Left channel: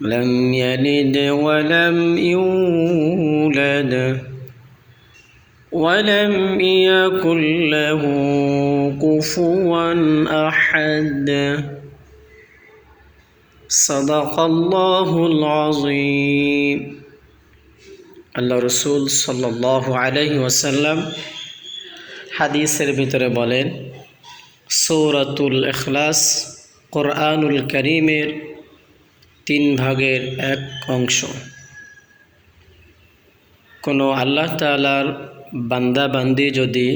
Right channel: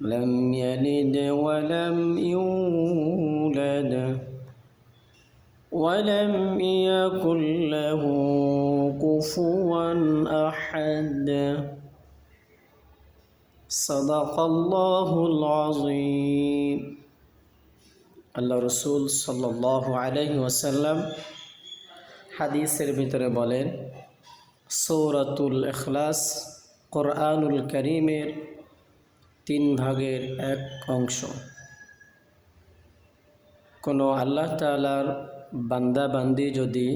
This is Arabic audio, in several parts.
لم يلد ولم يولد ولم يكن له كفوا احد صدق الله العظيم الرسول صلى الله عليه وسلم حديث ربيتر بولين سورة الإخلاص قرآن الكريم তিন ভাগের এক অংশ কোনো আল্লাহ তালার বান্দাবান্দি যদি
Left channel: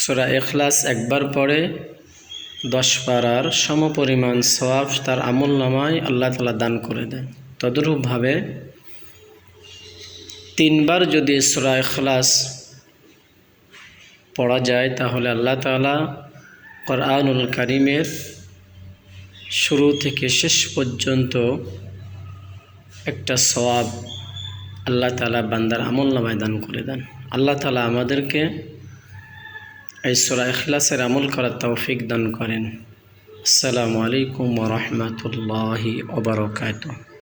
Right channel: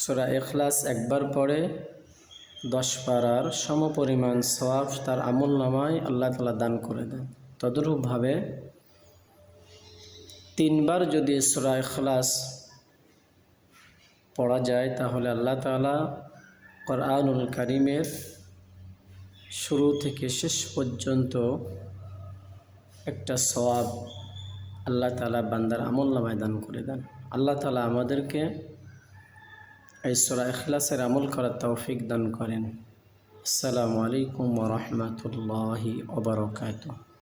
সুরা এখলাস একবার পড়ে দশ পাড়ার সম পরিমাণ তার আমল আল্লাহ তালা দান করে দেয় তদ্রূপভাবে তিনবার যদি সুরা এখলাস পড়া যায় তাহলে আল্লাহ তালা করআনুল করিমের شروع شیش پر ایک سواب اللہ تعالیٰ بندر عمل نمائدان کر دین اللہ تعالیٰ ہمارے ایشور اخلاصر عمل کر توفق دان علیکم ورحمۃ اللہ وبرکاتہ